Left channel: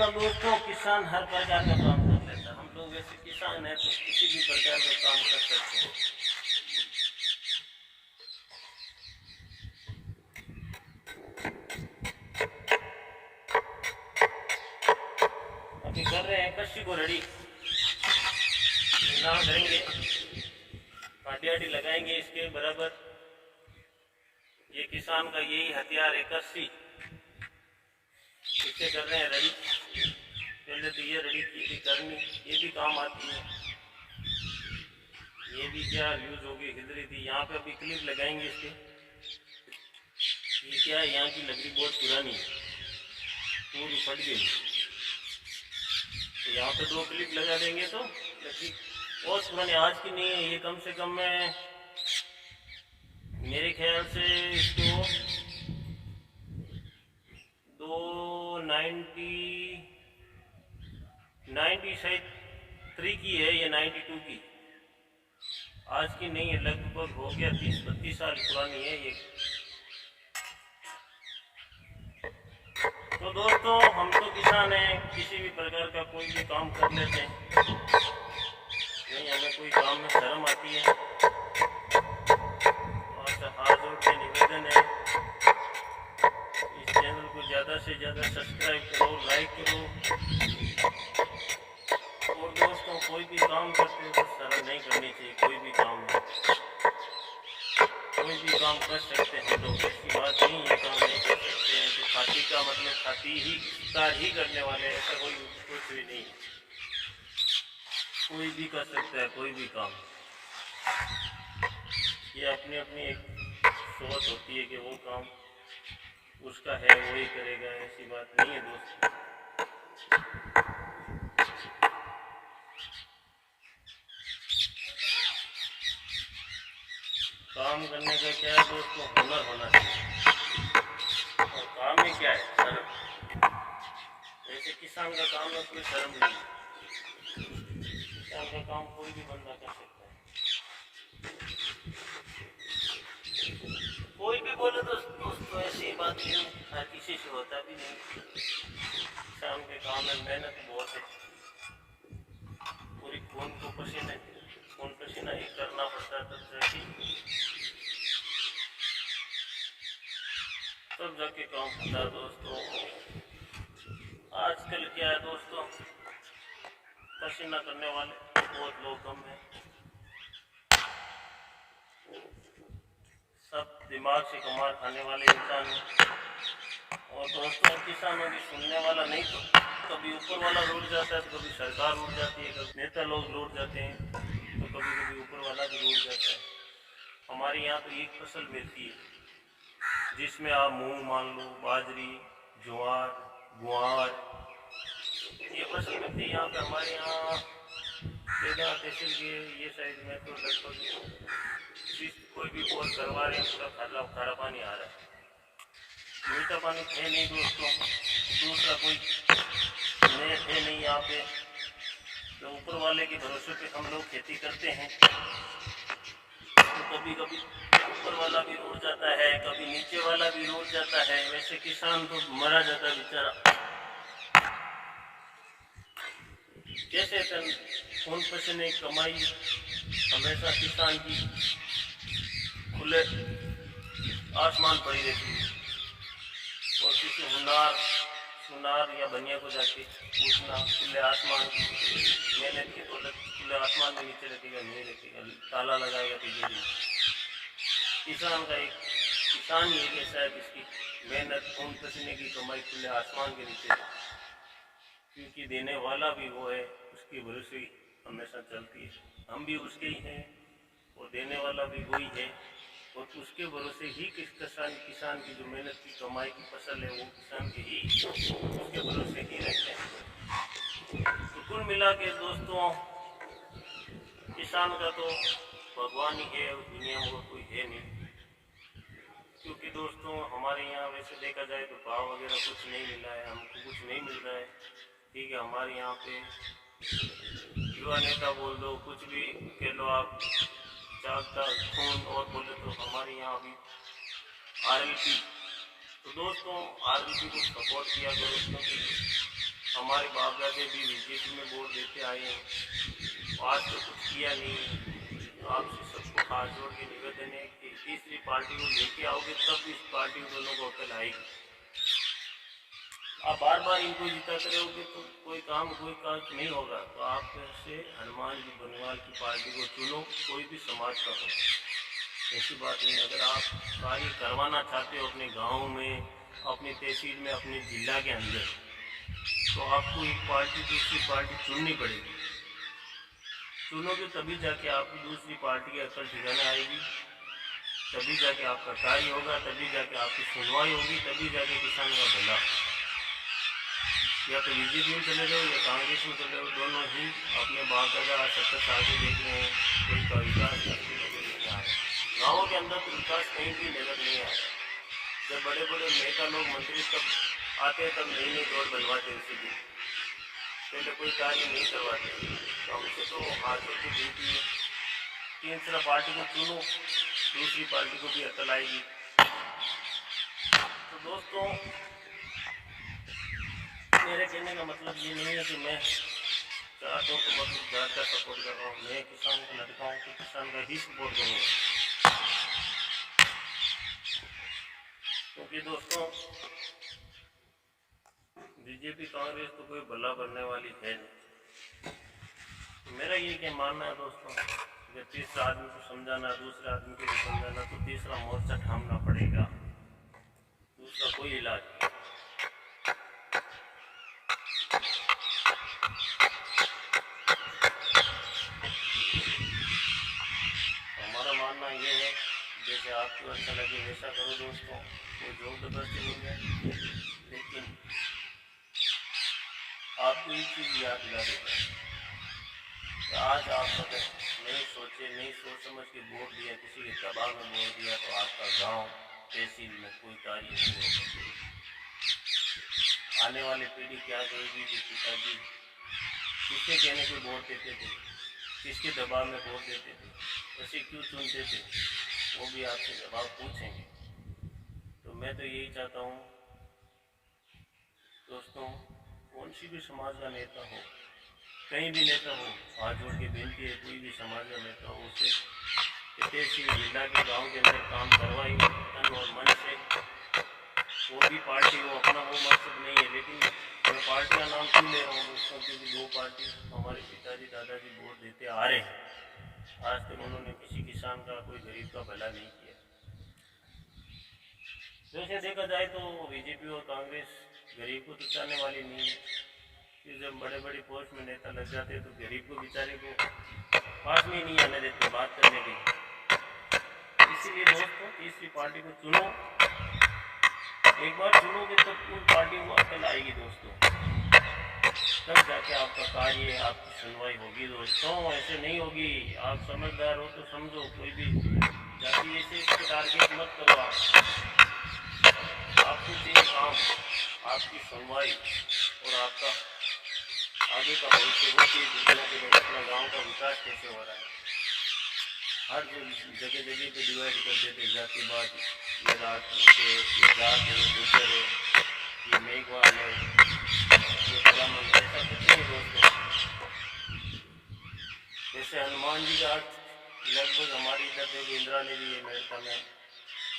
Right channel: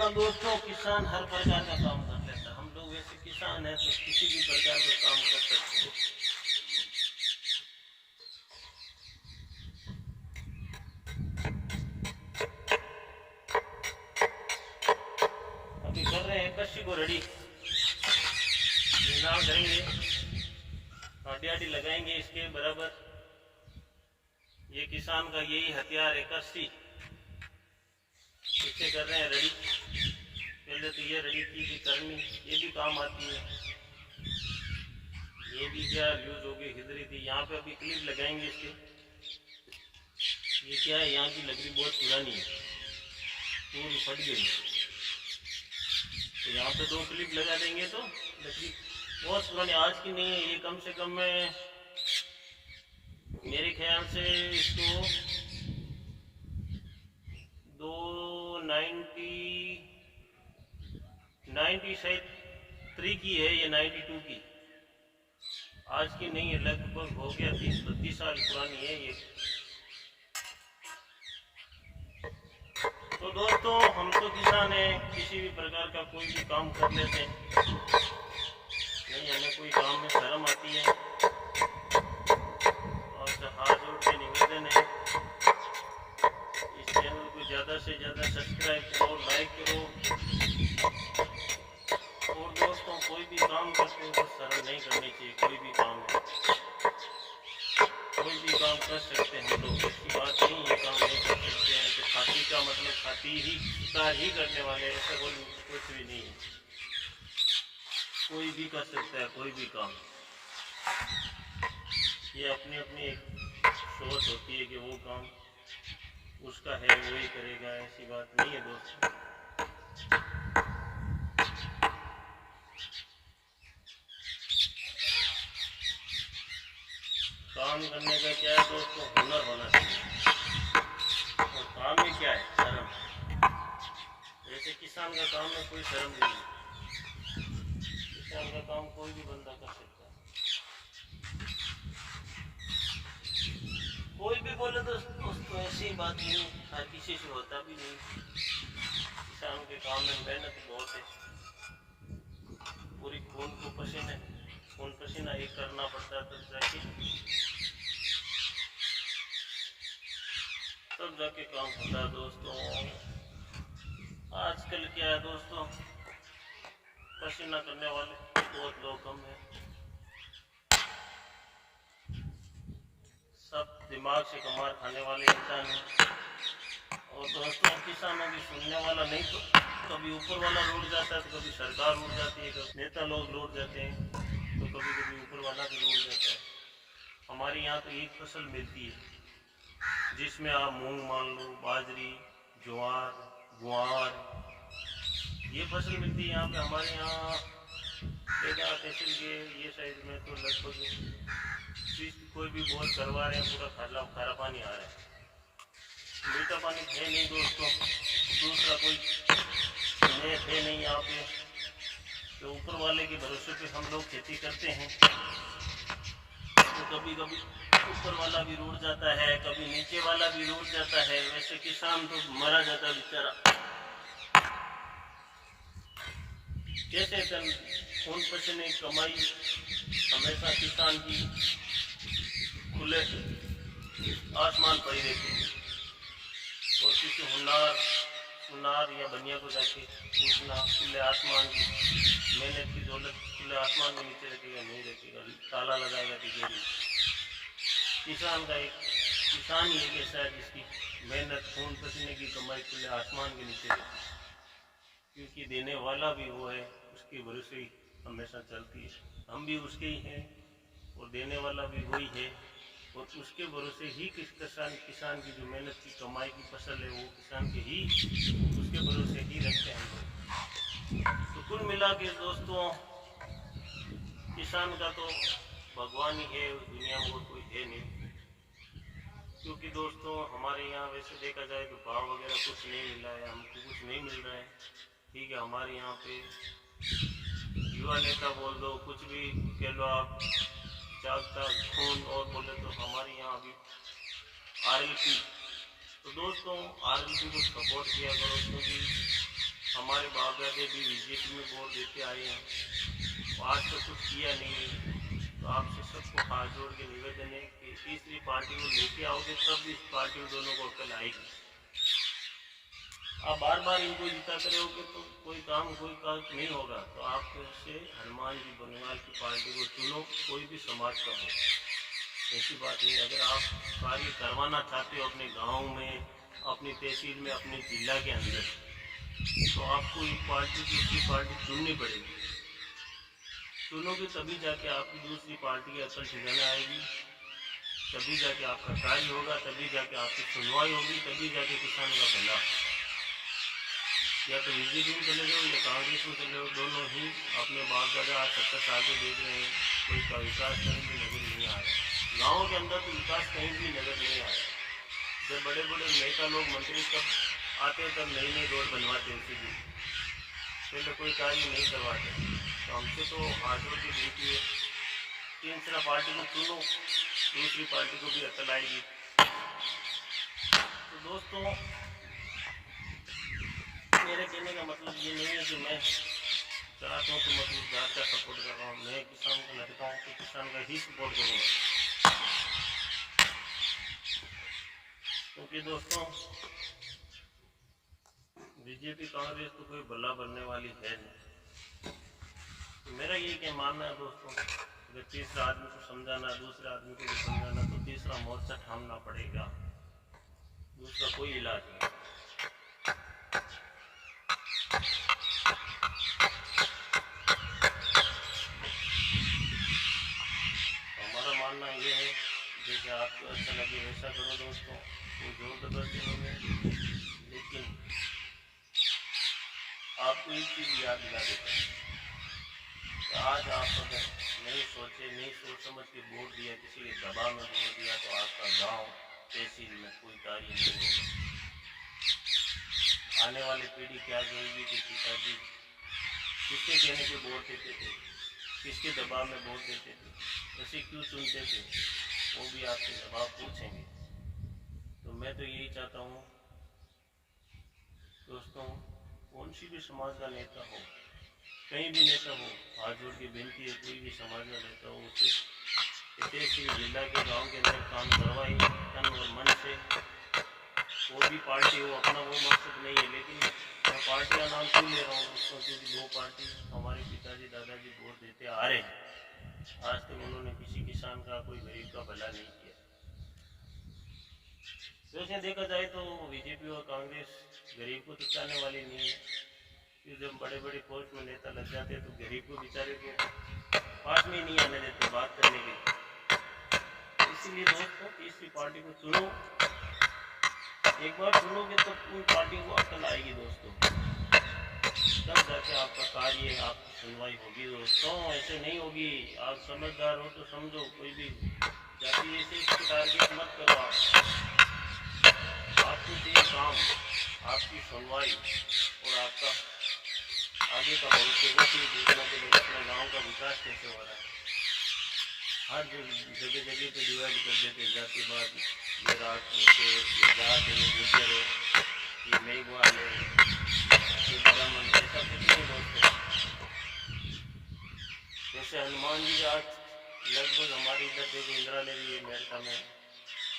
ना दोस्तों, किसान हर प्रकार का काम कर लेता है। हम लोग वैसे किसान हैं तो किसी भी प्रकार का काम कर सकते हैं। अभी कर रहे हैं कच्ची को रेडी, ना करेंगे, काटी लगाएंगे इसके बराबर। ये किसान का यही हथियार है, कस्सी। इसे कर रहे हैं रेडी। पहले तो ये रेडी की थी करनी, ये भी काम आती है। ये भी क्या यूज होगी, हिल रही थी। यहाँ पे अभी क्लिप लगाएंगे इसके। ये क्या है, यहाँ की लकड़ी बहुत पुरानी है, पूरी फट गई। तो यहाँ पे 2 क्लिप लगा देंगे तो लकड़ी बहुत पुरानी, आज की नहीं है ये। कम से कम मैं मेरे ख्याल से इसको 90 शायद 3 की है, ये 92 की, आज की नहीं है। लगभग हो गया 30-32 साल पुरानी है ये। तो दोस्तों, हम तो किसान हैं, किसी भी प्रकार का कोई भी काम कर लेते हैं, नहीं हमें कोई काम में शर्म आती है। और हाथ जोड़ के निवेदन है, इस चैनल को ज़्यादा से ज़्यादा सब्सक्राइब करो, लाइक करो। और दोस्तों, कोई भी काम करते हो तो शर्म नहीं करनी चाहिए। कोई भी काम है, कोई भी काम कर सकते हैं हम लोग, इसकी बात नहीं ये काम नहीं कर सकते हैं कि खाती का मतलब खाती ही शिकार ही करने वाले, ऐसा कोई कुछ भी नहीं है। कोई भी कर सकता है कोई भी काम। ये अपनी अपनी एक सोच होती है कि वो काम उसका है वही करेगा, ऐसी बात नहीं है दोस्तों। काम करने का क्या है दोस्तों, हुनर होना चाहिए। और काम में क्या है, शर्म। जैसे किसान का काम में कोई शर्म नहीं है, किसान का काम कोई भी बंदा कर सकता है। कोई भी बोले तो दोस्तों ऐसी बात नहीं, हर किसी से होता भी नहीं। किसान के काम में मेहनत बहुत है, पूरी खून पसीना एक करना पड़ता है, तब जाके काम होता है दोस्तों। आजकल क्या है दोस्तों, पसीना करने वाले बहुत लोग कम हैं, सब दिमाग से कमार खाने वाले इंसान हैं। और दोस्तों, किसानों की सुनने वाला नहीं, तो कभी ऊपर वाला लूट जाता है, तो कभी सरकार लूट जाती है, कभी नेता लोग लूट जाते हैं, तो कभी कभी ऊपर वाला भी लूट जाता है। हमारे यहाँ तो एक फसल मिलती है जिसमें आप मूंग मान लो, बाजरी, ज्वार, गुआर, ये फसल मिलती है यहाँ पे। हमारे यहाँ बेगा तहसील के ये साइड में तो लगभग कोई भी बोर करवा रहे हैं, पूरा खारा पानी आ रहा है, मीठा पानी है नहीं दोस्तों। दूसरा कोई नेट है नहीं यहाँ पे, तो ऊपर वाले के भरोसे पे हम लोग खेती करते हैं। तो कभी कभी ऊपर वाला भी रूठ जाता है, कभी नीचे वाला भी रूठ जाता है। वैसे किसान तो मरा जाता है बेचारा। कैसे खून पसीने कमाई हमेशा किसान की खुले आसमान पड़ी रहती है। और किसी सुनार या बनिया को जाके पूछना, खुले आसमान की मेहनत की दौलत खुले आसमान के नीचे रखेगा, नहीं रखेगा, ताला लगाएगा तिजोरी। किसान ही एक ऐसा है जिसकी मेहनत खून पसीने की कमाई खुले आसमान के नीचे रहती है, क्योंकि देने वाला भी वो है, उसके भरोसे ही हमेशा चलती है। हम भी उसके ही हैं और देने वाला भी वही है, और उसके भरोसे ही किसान की जो मेहनत की कमाई की फसल है, वो किसान के ही उसके भरोसे ही रहते हैं। तो कुल मिला के दोस्तों, किसान का तो भगवान ही है उस दुनिया में, और कोई है नहीं। क्योंकि दोस्तों, हमारे यहाँ वैसे देखा जाए तो भाव वगैरह कुछ नहीं मिल रहा है, हमको कुछ नहीं मिल रहा है। ठीक है, हमारे यहाँ पे युवा नेता बोल दो, कुछ भी कह लो आप, जागता खून और बोले तो हमारे यहाँ अभी RLP। तो दोस्तों, RLP को सपोर्ट किया करो, क्योंकि हमारे बाप दादे भी बीजेपी में वोट देते आए हैं, तो आज तो कुछ किया नहीं है। तो आपसे सबको हाथ जोड़ के निवेदन है कि तीसरी पार्टी को लेके आओगे तब इस पार्टी दोनों को अकल आएगी। आप बार बार इनको जिताते रहोगे तो कोई काज नहीं होगा। तो आप से हनुमान जी बनवाल की पार्टी को चुनो, कोई भी समाज का हो, ऐसी बात नहीं। अगर आप कार्य करवाना चाहते हो अपने गांव में, अपनी तहसील में, अपने जिला के अंदर, तो आपको एक पार्टी दूसरी पार्टी चुननी पड़ेगी। चुनोगे तभी जाके आपकी दूसरी पार्टी की अकल ठिकाने आएगी, तभी जाके आपका कार्य होगा, तभी जाके आपकी सुनवाई होगी, तभी जाके किसान का भला। या तो बीजेपी में चले जाओ या कांग्रेस में चले जाओ, दोनों ही अपने बाप दादा 70 साल से देख रहे हैं, कोई का विकास कहीं भी नजर नहीं आ रहा। गाँवों के अंदर तो विकास कहीं भी नजर नहीं आ रहा। जब बड़े बड़े नेता लोग मंत्री तब आते हैं, तब नई नई रोड बनवाते, उसी दिन पहले कोई कार्य नहीं करवाते। तो हमसे तो हाथ जोड़ की विनती है, तीसरा पार्टी को चुनो, दूसरी पार्टी को भी अकल आएगी। तो दोस्तों, मेरे कहने का मतलब ये नहीं है कि मैं चाहता हूँ तो मतलब ज़्यादा का सपोर्ट कर रहा हूँ। मैं किसान का लड़का हूँ तो किसान का ही सपोर्ट करूँगा, क्योंकि दोस्तों बीजेपी कांग्रेस तो कोई भला बनने वाली है नहीं। तो मेरा ये क्या मानना है दोस्तों, अगर तीसरा आदमी को समझाना, दूसरे आदमी को भी समझाना, तो तीसरा मोर्चा थामना पड़ेगा, दूसरा कोई इलाज नहीं। तो हमारा मानना ये है, जैसे आपको अच्छा लगे वैसा करो दोस्तों, कोई जोर जबरदस्ती नहीं है। लेकिन आपको एक चीज़ याद दिला देता है, आज आप अगर नहीं सोचे, नहीं सोच समझ के वोट दिया, किसी के दबाव में वोट दिया, तो आपका गांव तहसील में कोई कार्य नहीं होगा। आने वाली पीढ़ी क्या कहेगी कि पिताजी किसके कहने पे वोट देते थे, किसके दबाव में वोट देते थे, ऐसे क्यों चुनते थे, वो भी आपसे जवाब पूछेंगे। तो मैं तो यही चाहता हूँ दोस्तों, कौन सी भी समाज का नेता हो, कहीं भी नेता हो, हाथ जोड़ के विनती है, कोई भी समाज का नेता हो, उसे तहसील जिला के गांव के अंदर काम करवाए तन और मन से। वो भी पार्टी हो, अपना वो मकसद नहीं है। लेकिन मैं पार्टी का नाम क्यों ले रहा हूँ दोस्तों, क्योंकि दो पार्टी हमारे पिताजी दादाजी वोट देते आ रहे हैं, आज तक उन्होंने किसी किसान का, कोई गरीब का भला नहीं किया। वैसे देखा जाए तो बीजेपी और कांग्रेस गरीब को तो चाहने वाली नहीं है, कि जब बड़े बड़े पोस्ट में नेता लग जाते हैं तो गरीब को बेचारे को पास में ही नहीं आने देते बात करने के लिए। इसीलिए दोस्तों, तीसरी पार्टी को चुनो, एक बार चुनोगे तो उन पार्टियों को अकल आएगी दोस्तों, तब जाके आपका कार्य, आपकी सुनवाई होगी दोस्तों, ऐसे नहीं होगी। आप समझदार हो तो समझो, कोई भी जाति वैसे इसको टारगेट मत करो। आपको चाहिए काम, आपकी सुनवाई और आपका आगे का भविष्य, वो चीज़ देखना कि भाई अपना गांव का विकास कैसे हो रहा है। हर जगह जगह पे डिवाइड कर देते जातिवाद, ये रात के, ये जात है, ये गुजर है, ये मेघवाल है, ये ब्राह्मण, ऐसा कुछ नहीं दोस्तों। जैसे हनुमान जी का लगभग हमारी इधर देखो, इंदिरा ने भी है मेड़ता में,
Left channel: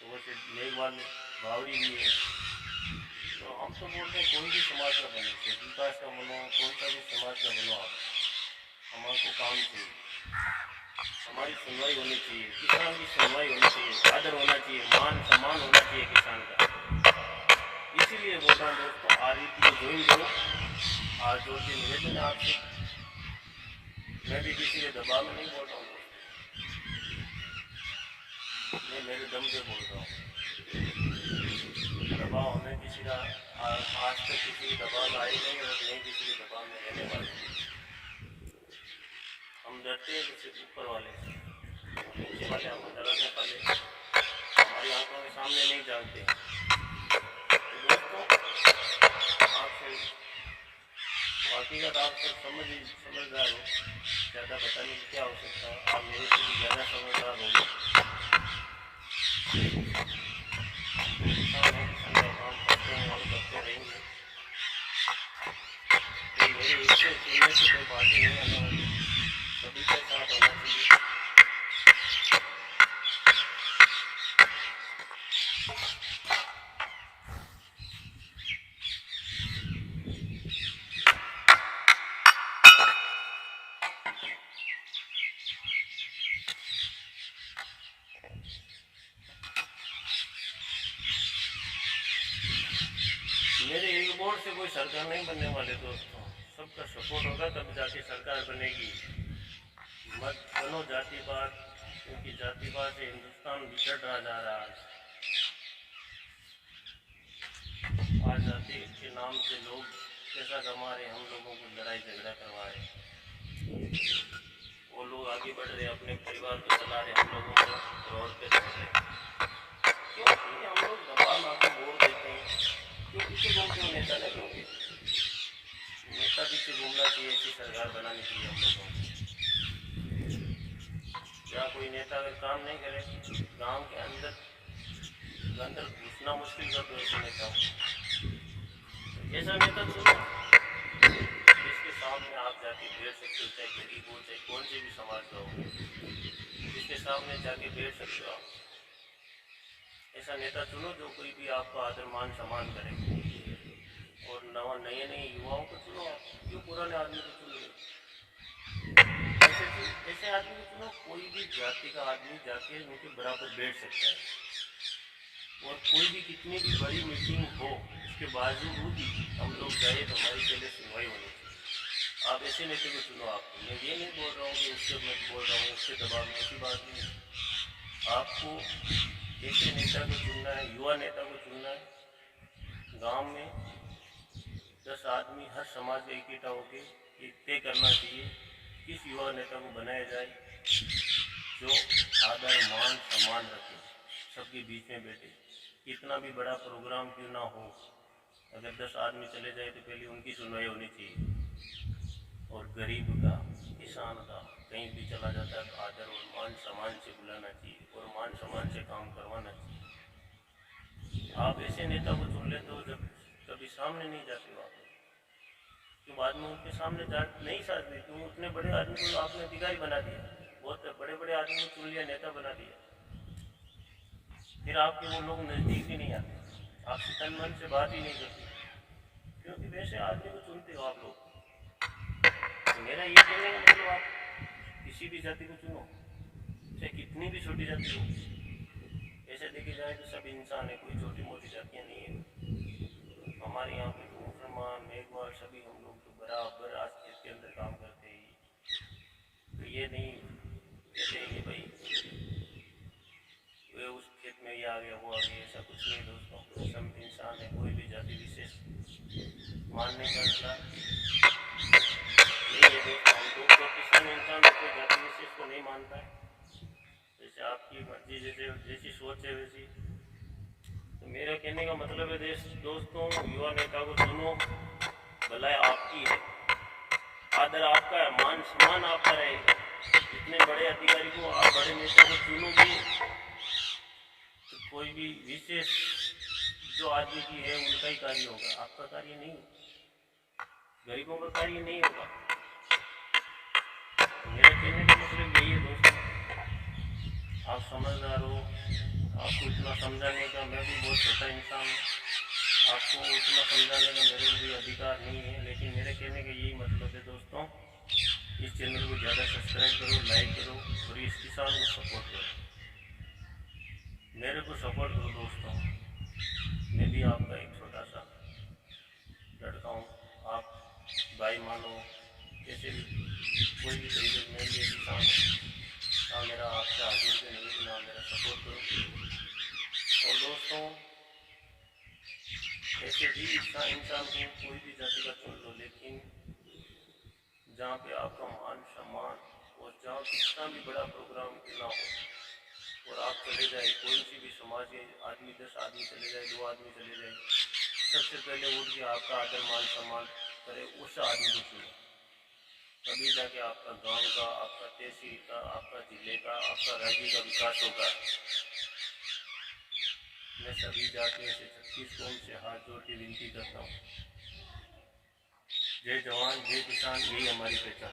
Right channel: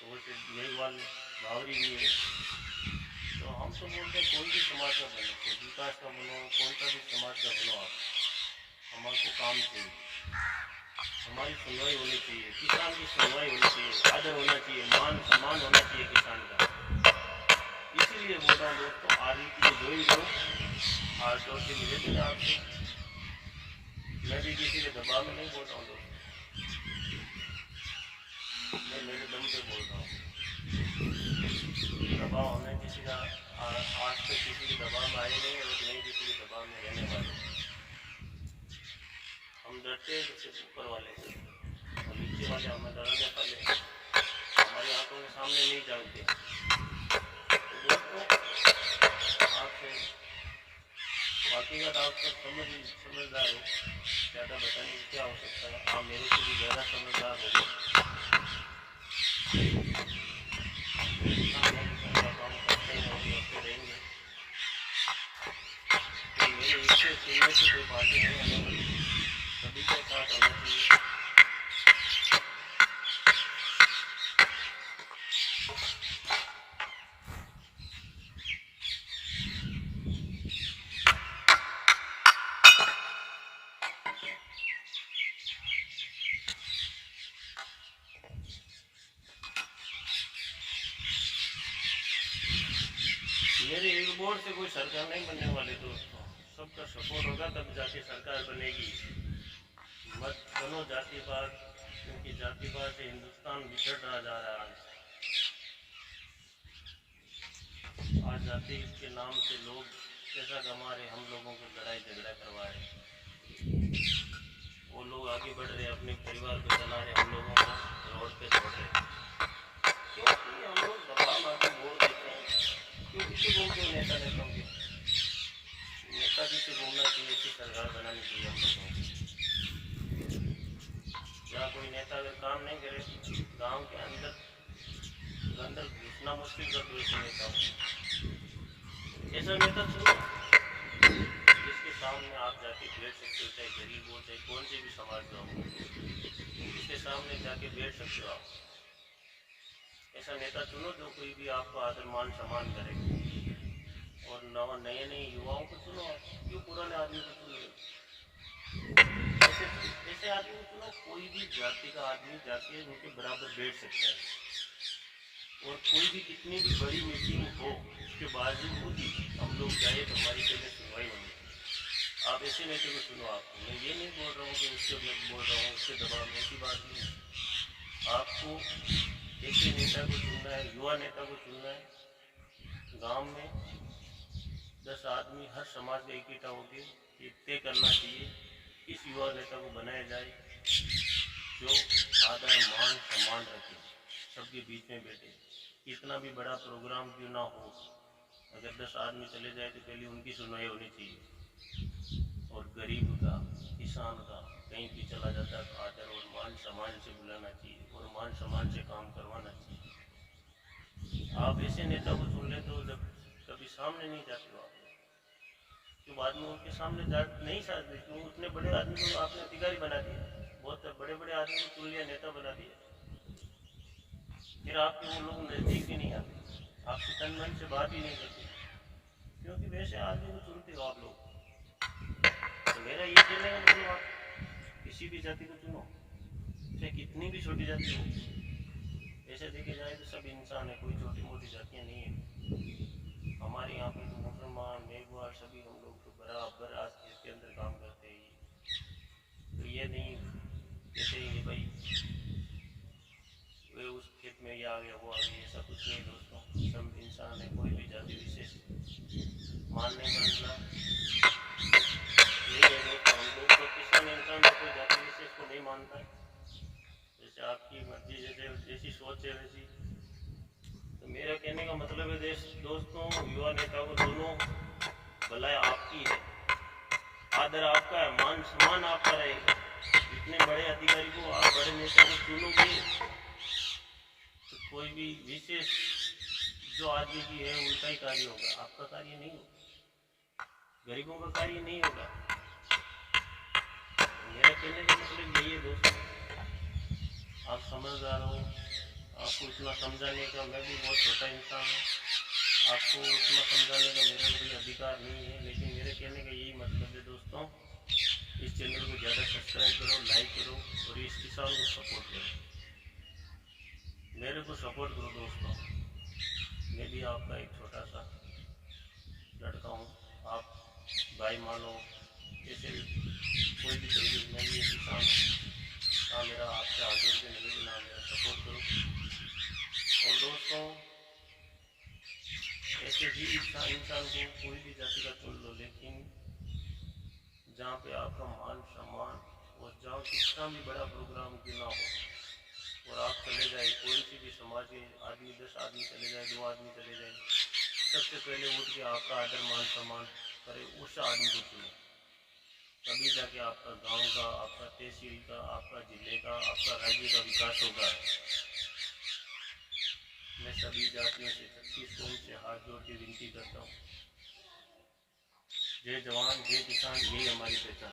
तो वैसे मेघवाल बावरी भी है। तो हम तो बोलते हैं कोई भी समाज का बनो, विकास का बनो, कौन सा भी समाज का बनो, आप हमारे को काम चाहिए, हमारी सुनवाई होनी चाहिए, किसान की सुनवाई होनी चाहिए, आदर होना चाहिए, मान सम्मान होना चाहिए किसान का। इसीलिए बोल रहा हूँ दोस्तों, आरवीपी को ज्वाइन करो, हाथ जोड़ के निवेदन है आपसे। मैं भी किसी के दबाव में नहीं बोल रहा हूँ दोस्तों, मैं मेरे दम पे बोल रहा हूँ। दबाव हमें किसी का आज तक किसी के दबाव में आए नहीं और नहीं किसी के दबाव में रहने वाले। हम डरते हैं सिर्फ ऊपर वाले से, और नीचे वाले हमें डराने वाले हमारी आंखों के सामने नहीं जानते। तो दोस्तों, आपसे बाकी का आप सब समझदार हो, ज़्यादा बताने की क्या आवश्यकता है, आप मेरे से भी ज़्यादा समझदार होंगे। किसान का काम करते हैं और करते रहेंगे। से चुनने से कोई पार्टी नहीं आने वाली, सभी के साथ होना चाहिए। मेरे एक वोट से कोई सरकार नहीं बनने वाले दोस्तों, सबका सपोर्ट होगा तब जाके सरकार बनेगी। मत बनो जातिवाद, क्योंकि जातिवाद से हिंदुस्तान बिछड़ रहा जा रहा है। आज जाति के नाम से लोग पैसा कमा रहे, हम लोगों को लड़ाई झगड़ा करवा रहे। वो लोग आगे बढ़ रहे, अपने परिवार को चला रहे, हम लोगों को रोड पे छोड़ रहे। क्योंकि हम लोग दबाव में आपको वोट देते हैं, क्यों पीछे घूमते हो नेता नेताओं के? नेता पीछे घूमना चाहिए, ऐसी सरकार बनानी चाहिए हम लोगों को। जहाँ कोई नेता अगर काम नहीं करे, गांव के अंदर घुसना मुश्किल कर दो ऐसे नेताओं को। ऐसा नेता चुनो जिसके सामने आप जाके बैठ सकते हो, चाहे गरीब हो चाहे कौन से भी समाज का हो, जिसके सामने जाके बैठ सकते हो आप। ऐसा नेता चुनो जो कोई भी आपको आदर मान सम्मान करे। और नए नए युवाओं को चुनो आप, क्यों पुराने आदमी को चुन रहे हो? ऐसे आदमी को चुनो, कोई भी जाति का आदमी जाके उनके बराबर बैठ सकता है। और कोई भी कितनी भी बड़ी मीटिंग हो, उसके बावजूद ही हम लोग गए तो हमारी पहले सुनवाई होनी चाहिए। आप ऐसे नेता को चुनो। आपको मैं ये नहीं बोल रहा हूँ कि उससे मैं बोल रहा हूँ उससे दबाव में, ऐसी बात नहीं है। आपको ऐसे नेता को चुनना है, युवा नेता को चुनना है। गांव में 10 आदमी हर समाज का इकट्ठा होकर ये तय करना चाहिए किस युवा नेता को बनाया जाए जो आदर मान सम्मान रखे, सबके बीच में बैठे। कितना भी बड़ा प्रोग्राम क्यों ना हो, अगर 10 आदमी चले जाए तो पहले उनकी सुनवाई होनी चाहिए। और गरीब का, किसान का कहीं भी चला जाता है तो आदर और मान सम्मान से बुलाना चाहिए और मान सम्मान से काम करवाना चाहिए। आप ऐसे नेता को चुन लेते हो जब कभी सामने नहीं जाते हो आप, क्यों बाद में उनके सामने जा नहीं सकते? क्यों उतने बड़े आदमी को आपने अधिकारी बना दिया, बहुत बड़े बड़े आदमी को चुन लिया, नेता बना दिया, फिर आपके वो लोग नज़दीक भी नहीं आते, आपसे तन मन से बात ही नहीं करते, क्योंकि वैसे आदमी को चुनते हो आप लोग। तो मेरा ये कहने का मतलब, आप किसी भी जाति को चुनो, चाहे कितनी भी छोटी जाति हो। ऐसे देखे जाए तो सब इंसान है, कोई छोटी मोटी जातियाँ नहीं है। हमारे यहाँ पे तो मुसलमान, मेघवाल सभी हम लोग तो बराबर आज खेत के अंदर काम करते हैं। तो ये नहीं कहते हैं कि भाई वे उस खेत में ये आ गया वो आ गया, ऐसा कुछ नहीं दोस्तों। सब इंसान है, कोई भी जाति विशेष मानने का मतलब नहीं है दोस्तों। हम लोग तो किसी भी इंसान को कोई जाति विशेष को नहीं मानता, जैसे आपकी मर्जी, जैसी सोच है वैसी। तो मेरा कहने का मतलब है दोस्तों, युवा नेता को चुनो, भलाई आपकी है, आदर आपका है, मान सम्मान आपका रहेगा। इतने बड़े अधिकारी को, आप बड़े नेता को चुनोगे तो कोई भी विशेष जो आदमी की है उनका ही कार्य होगा, आपका कार्य नहीं होगा, गरीबों का कार्य नहीं होगा। मेरा कहने का मतलब यही है दोस्तों, आप समझदार हो, आपको इतना समझाने का, मैं भी बहुत छोटा इंसान हूँ, आपको उतना समझाने का मेरे को भी अधिकार नहीं है। लेकिन मेरे कहने का यही मतलब है दोस्तों, इस चैनल को ज़्यादा सब्सक्राइब करो, लाइक करो और इस किसान को सपोर्ट करो, मेरे को सपोर्ट करो दोस्तों। मैं भी आपका एक छोटा सा लड़का हूँ, आप भाई मानो, कैसे भी कोई भी तरीके से मैं भी एक किसान हूँ। ना मेरा आपसे आगे से नहीं, ना मेरा सपोर्ट करो। और दोस्तों ऐसे भी इंसान को कोई भी जाति का चुन लो, लेकिन जहाँ पे आपका मान सम्मान और जहाँ कितना भी बड़ा प्रोग्राम क्यों ना हो और आप चले जाए, कोई सी भी समाज के आदमी 10 आदमी चले जाए, 2 आदमी चले जाए, सबसे पहले उठ के आपका आदर मान सम्मान करे, उस आदमी को चुनो। तभी जाके आपका गांव का, आपका तहसील का, आपका जिले का, आपका राज्य का विकास होगा। मैं सभी जातियों से 36 कौम से हाथ जोड़ के विनती करता हूँ, जय जवान जय किसान, यही हमारी पहचान।